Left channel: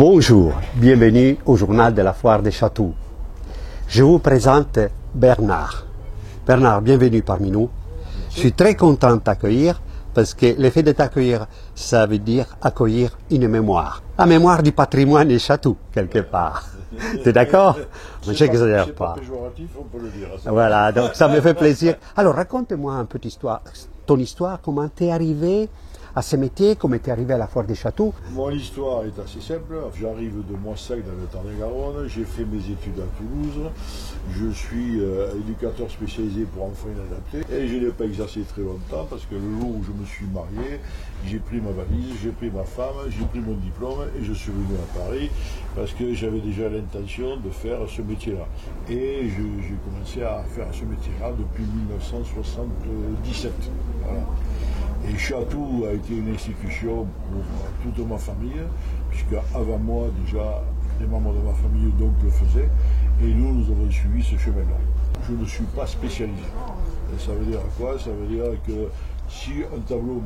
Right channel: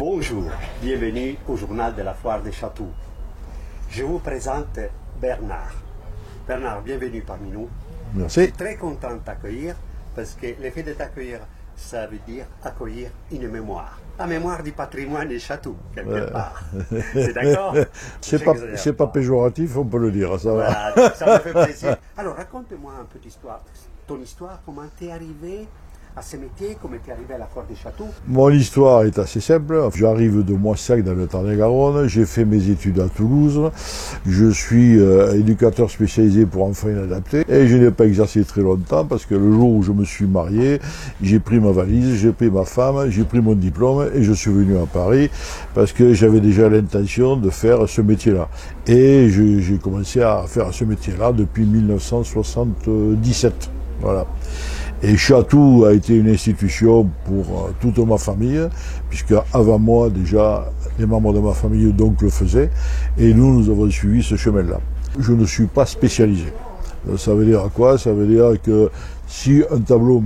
Bonjour, bienvenue au journal de la foire des châteaux. Je vous présente Bernard. Bernard, bienvenue parmi nous. Merci. Je suis très content de t'accueillir parce que le fait de t'accueillir, ça veut dire accueillir une mémoire. La mémoire du patrimoine des châteaux, quelque part. C'est d'accord? C'est pas péjoratif, on peut le dire. Ça voilà, donc ça me fait plaisir. Alors raconte-moi un peu ton histoire, comment t'es arrivé à ce métier, comment t'es arrivé à la foire des châteaux. Mon histoire est assez simple. J'arrive de Moissac dans le Tarn-et-Garonne. J'ai fait mes études à Toulouse. Je suis éducateur spécialisé pour enfants inadaptés. Et je n'ai pas exercé très longtemps parce que le jour où je me suis marié, j'ai pris ma valise, j'ai pris ma femme, j'ai pris mon diplôme et je suis venu à Paris parce que j'avais déjà l'intention de faire ce métier-là. Et j'ai commencé à faire ce métier-là depuis 1977. Voilà. Et Chatou a été une institution pour toute ma famille, puisque avant moi, déjà, les membres de ma famille donc le faisaient, et nous avons suivi ce chemin-là. Je ne suis pas spécialisé. Ça veut dire quoi? Ça veut dire que si un tableau,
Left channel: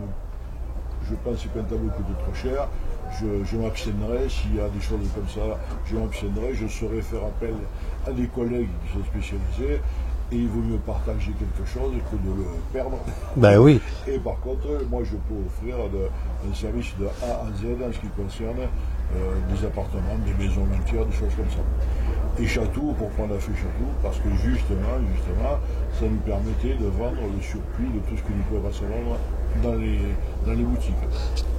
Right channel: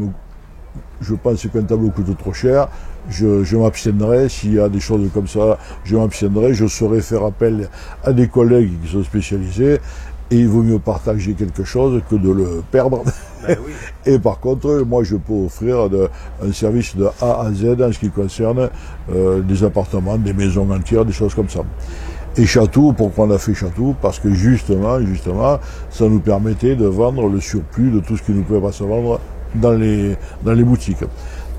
je pense qu'un tableau coûte trop cher, je m'abstiendrai. S'il y a des choses comme ça, je m'abstiendrai. Je saurai faire appel à des collègues qui sont spécialisés. Et il vaut mieux partager quelque chose que de le perdre. Ben oui. Et par contre, moi, je peux offrir un service de A à Z en ce qui concerne des appartements, des maisons entières, des choses comme ça. Et Chatou, pourquoi on a fait Chatou? Parce que justement, ça nous permettait de vendre le surplus de tout ce qui ne pouvait pas se vendre dans les boutiques.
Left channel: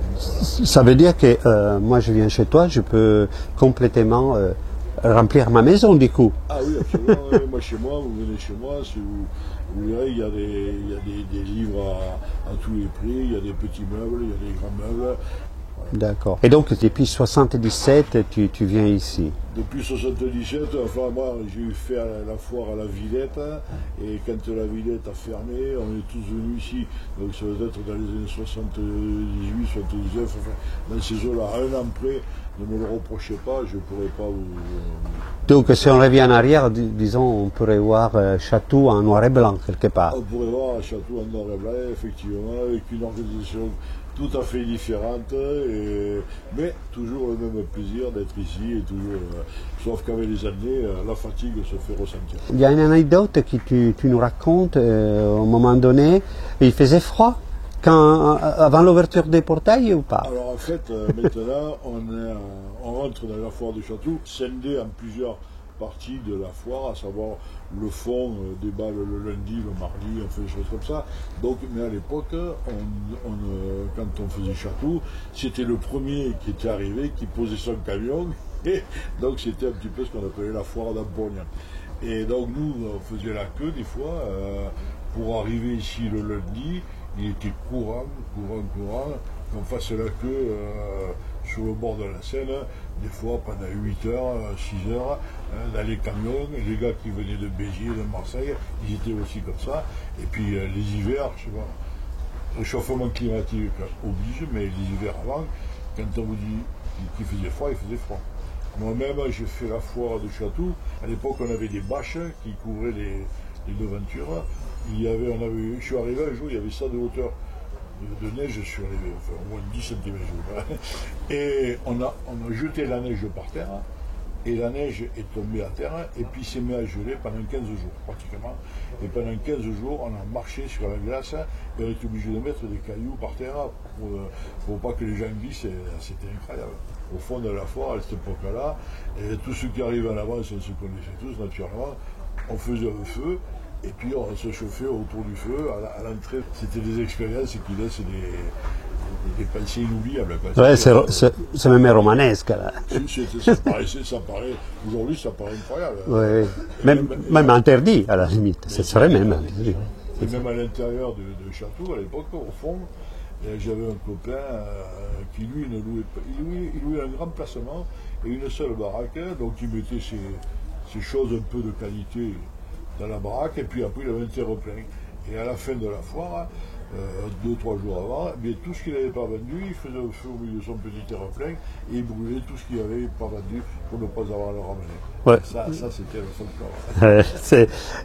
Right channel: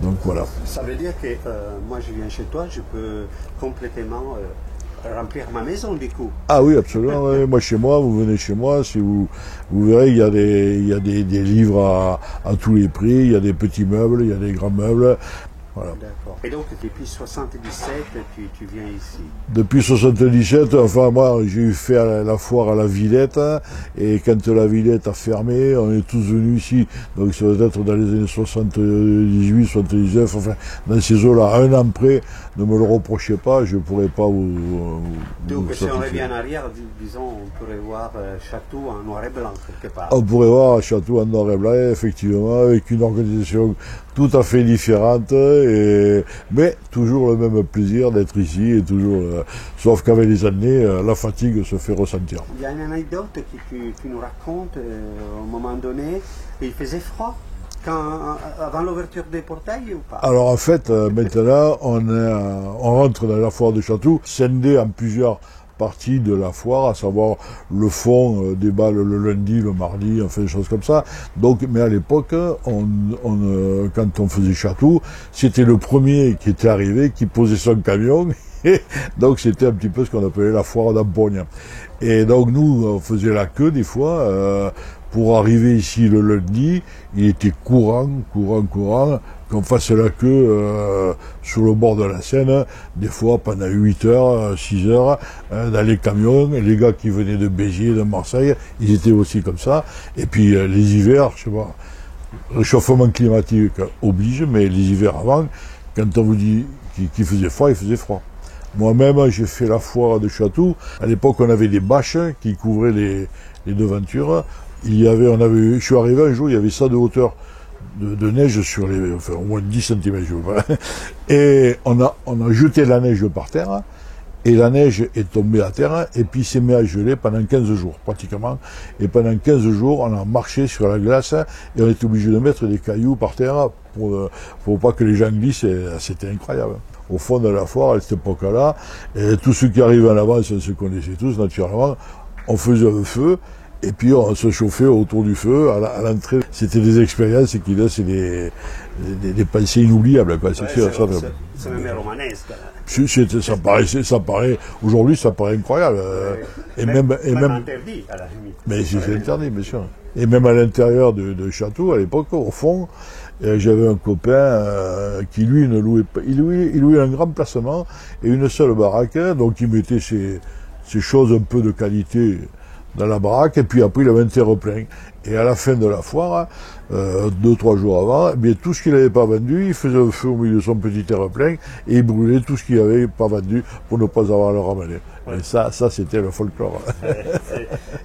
Donc voilà. Ça veut dire que moi, je viens chez toi, je peux complètement remplir ma maison du coup. Ah oui, absolument. Moi, chez moi, vous venez chez moi, si vous verrez, il y a des livres à tous les prix, il y a des petits meubles, il y a des grands meubles. Voilà. D'accord. Et donc, depuis 77, tu viens ici? Depuis 77, enfin moi, j'ai fait la foire à la Villette, et quand la Villette a fermé, on est tous venus ici. Donc ça doit être dans les années 78, 79, enfin, dans ces eaux-là, un an près, ne me le reprochez pas, je ne pourrais pas vous... Donc, si on revient en arrière, disons, on pourrait voir Chatou en noir et blanc, quelque part. On pourrait voir Chatou en noir et blanc, effectivement, avec une organisation tout à fait différente, mais toujours le même plaisir d'être ici, et toujours, sauf qu'avec les années, la fatigue se fait ressentir. Il y a une anecdote que tu nous racontes, au moment donné, il faisait froid avant l'ouverture des portails ou pas? Alors en fait, maintenant, on rentre dans la foire de Chatou, scindé en plusieurs partie de la foire, à savoir le fond déballe le lundi, le mardi, enfin des choses comme ça. Donc, mais à l'époque, quand on faisait Chatou, c'était le premier qui était arrivé, qui posait son camion, et donc c'était un petit peu ce qu'on appelait la foire d'Ampogne. Et donc nous, on faisait la queue des fois, pour arriver ici le lundi, il était courant, qu'on fasse la queue sur le bord de la Seine, des fois pendant 8 heures, 6 heures, dans les camions. Et les gars qui venaient de Béziers, de Marseille, ils étaient aussi comme ça. Et puis les hivers, je sais pas, réchauffement climatique oblige, mais les hivers avant, quand on vous dit qu'il faisait froid, il faisait froid. Moi-même, j'ai fait la foire de Chatou. À l'époque, on avait des bâches qui couvraient les devantures. Je suis arrivé un jour, il y avait ça de hauteur de neige sur au moins 10 cm. Et on a jeté la neige par terre, et la neige est tombée à terre, et puis s'est mis à geler pendant 15 jours, pratiquement. Et pendant 15 jours, on a marché sur la glace, et on était obligé de mettre des cailloux par terre pour pas que les gens glissent, et c'était incroyable. Au fond de la foire, à cette époque-là, et tous ceux qui arrivaient en avance, on se connaissait tous, naturellement, on faisait un feu, et puis on se chauffait autour du feu, à l'entrée. C'était des expériences qui laissent des pensées inoubliables. Ouais, c'est même romanesque. Ça paraît, aujourd'hui ça paraît incroyable. Ouais. Et même interdit, à la limite. Mais c'est interdit, bien sûr. Et même à l'intérieur de Chatou, à l'époque, au fond, j'avais un copain qui lui ne louait pas, il louait un grand placement et une seule baraque, donc il mettait ses choses un peu de qualité dans la baraque, et puis après il avait un terre-plein. Et à la fin de la foire, 2-3 jours avant, eh bien, tout ce qu'il n'avait pas vendu, il faisait un feu au milieu de son petit terre-plein, et il brûlait tout ce qu'il n'avait pas vendu pour ne pas avoir à le ramener. Ouais. Et ça c'était le folklore.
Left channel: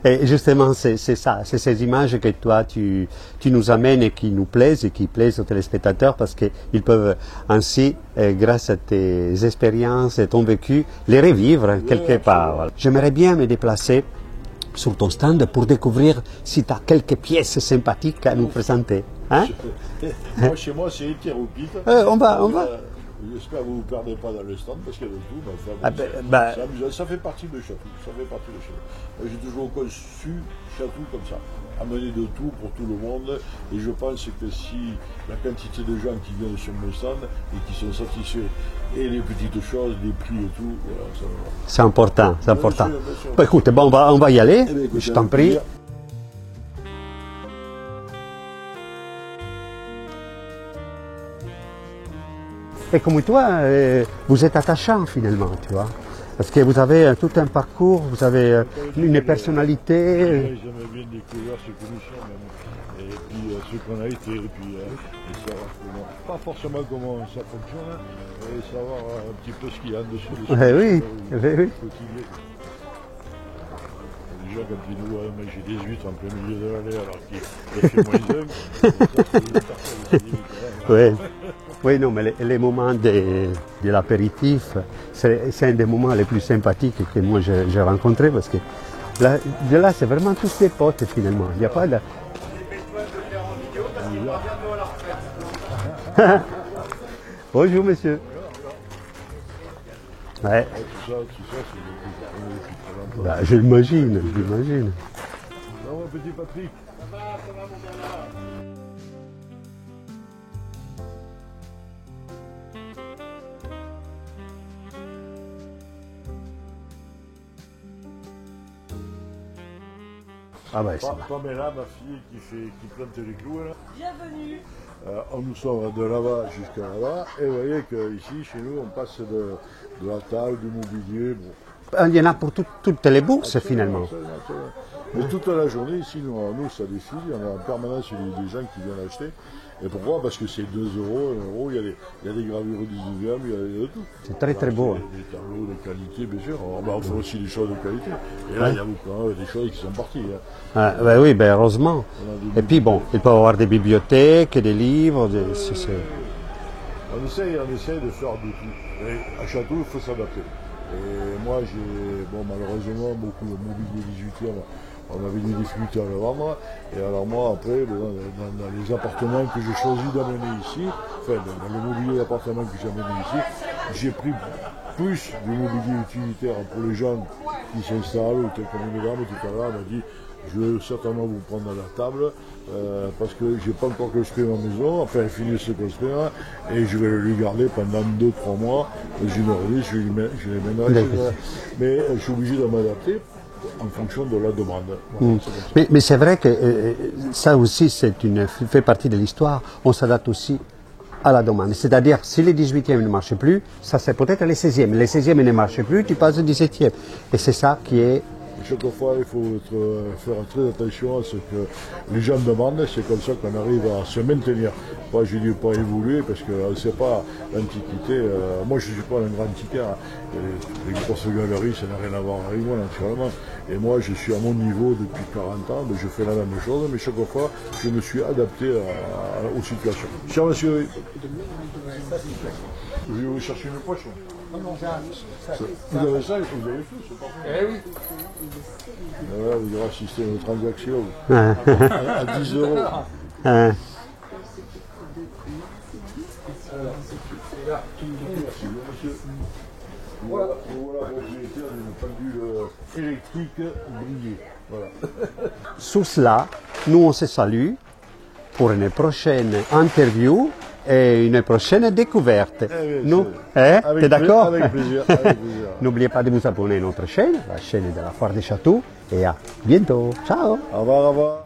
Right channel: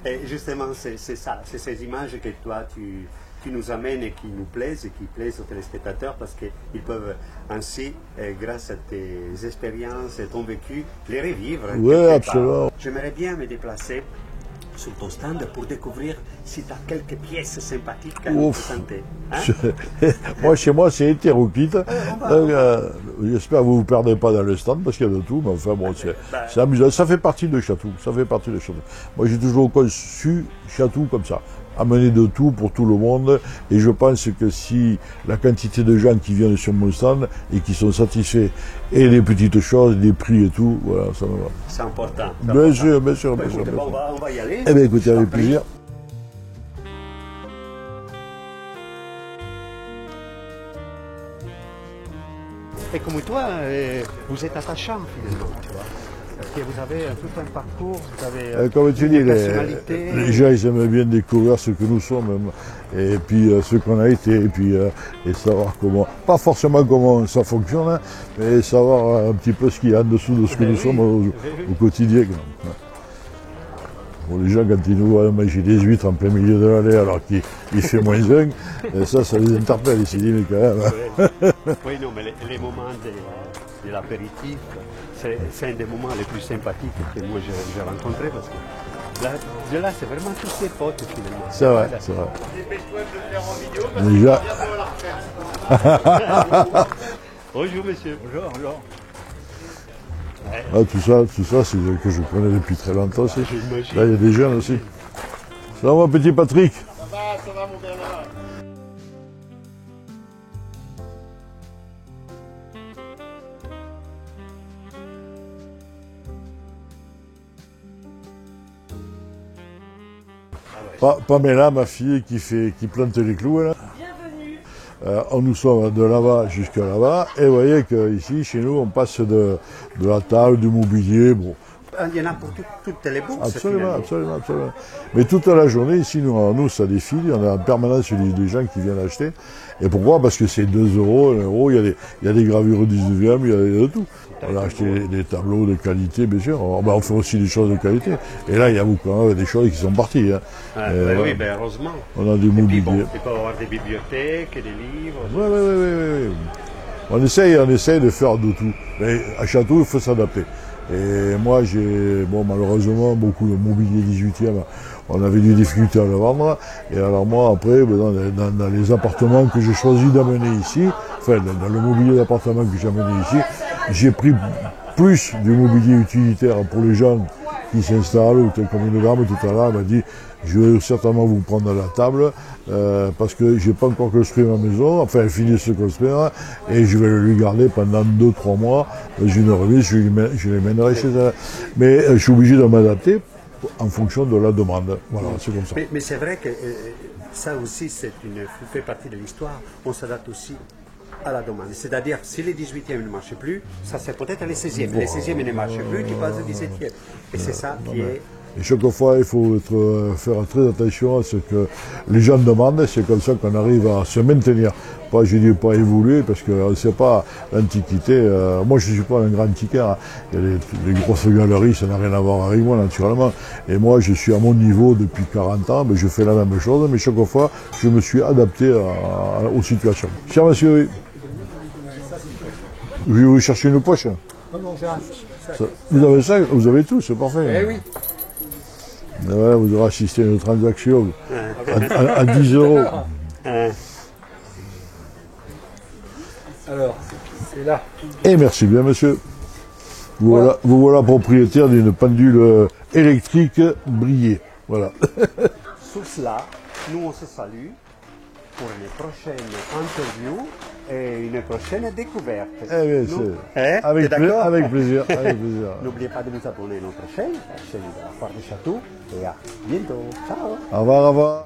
Et justement, c'est ça, c'est ces images que toi, tu nous amènes et qui nous plaisent et qui plaisent aux téléspectateurs parce qu'ils peuvent ainsi, grâce à tes expériences et ton vécu, les revivre quelque part. J'aimerais bien me déplacer sur ton stand pour découvrir si tu as quelques pièces sympathiques à nous présenter. Hein? Moi, chez moi, c'est hétéroclite. On va. J'espère que vous ne vous perdez pas dans le stand parce qu'il y a de tout. Mais enfin, bon, c'est amusant. Ça fait partie de Chatou. Ça fait partie de Chatou. Moi, j'ai toujours conçu Chatou comme ça. Amener de tout pour tout le monde. Et je pense que si la quantité de gens qui viennent sur mon stand et qui sont satisfaits et les petites choses, les prix et tout, voilà, ça va. C'est important. Bien sûr, bien sûr. Bah, écoute, bon, on va y aller. Eh bien, écoute, je t'en prie. Et comme toi, vous êtes attachant finalement, tu vois. Parce que vous avez tout un parcours, vous avez une personnalité. Les gens, ils aiment bien découvrir ce que nous sommes, et puis ce qu'on a été, et puis et savoir comment, pas forcément comment ça fonctionne, hein, mais savoir un petit peu ce qu'il y a en dessous de ce que nous sommes au quotidien. Bon, les gens, quand ils nous voient manger des huîtres en plein milieu de l'année alors qu'il fait -1, ça les interpelle, ils se disent, mais quand même. Oui, non, mais les moments de l'apéritif, c'est un des moments les plus sympathiques que moi j'ai rencontrés parce que là c'est vraiment tous tes potes finalement. C'est vrai, c'est vrai. Déjà. Bonjour monsieur. Bonjour. Ouais. Ah, tout ça, c'est que je connais depuis très longtemps. J'imagine. Il y a des jeunes aussi. Ça va, mon petit Patrick? Ça va, mon gamin. Ah ouais, Pamela, ma fille, qui plante les clous, là. Bienvenue. Nous sommes de là-bas jusqu'à là-bas, et vous voyez qu'ici, chez nous, on passe de la table, du mobilier, bon. Il y en a pour toutes les bourses finalement. Absolument. Mais toute la journée, ici, nous ça défile, on a en permanence des gens qui viennent acheter. Et pourquoi? Parce que c'est 2 €, 1 €, il y a des gravures 19e, il y a de tout. C'est très beau. Des tableaux de qualité, bien sûr. On fait aussi des choses de qualité. Et là, il y a beaucoup des choses qui sont parties. Hein. Oui, heureusement. On a des et puis bon, mobiliers. il peut y avoir des bibliothèques, des livres. Oui. On essaye de faire de tout. Mais à Château, il faut s'adapter. Et moi, malheureusement, beaucoup de mobilier 18e, on avait des difficultés à le vendre. Et alors moi, après, dans les appartements que j'ai choisi d'amener ici, enfin, dans le mobilier d'appartement que j'ai amené ici, j'ai pris plus du mobilier utilitaire pour les gens qui s'installent, ou tel comme une dame tout à l'heure m'a dit, je vais certainement vous prendre la table, parce que j'ai pas encore construit ma maison, enfin fini de se construire, et je vais le garder pendant 2-3 mois, j'ai une remise, je les mènerai chez elle. Mais je suis obligé de m'adapter en fonction de la demande. Voilà, c'est comme ça. Mais c'est vrai que ça aussi, fait partie de l'histoire. On s'adapte aussi à la demande. C'est-à-dire, si les 18e ne marchent plus, ça c'est peut-être les 16e. Les 16e ne marchent plus, tu passes au 17e. Et c'est ça qui est... Et chaque fois, il faut faire très attention à ce que les gens demandent. C'est comme ça qu'on arrive à se maintenir. Pas, je dis pas évoluer, parce que on ne sait pas l'antiquité. Moi, je ne suis pas un grand antiquaire. Les grosses galeries, ça n'a rien à voir avec moi, naturellement. Et moi, je suis à mon niveau depuis 40 ans, mais je fais la même chose. Mais chaque fois, je me suis adapté aux situations. Cher monsieur, je vais vous chercher une poche. Vous avez ça? Vous avez tout, c'est parfait. Eh oui. Ouais, vous aurez assisté à une transaction à 10 €. Alors, c'est là. Et merci bien, monsieur. Vous voilà propriétaire d'une pendule électrique brillée. Voilà. Sous cela, nous on se salue pour une prochaine interview et une prochaine découverte. T'es d'accord? Avec plaisir. N'oubliez pas de vous abonner à notre chaîne, la chaîne de la Foire des Châteaux. Et à bientôt. Ciao. Au revoir.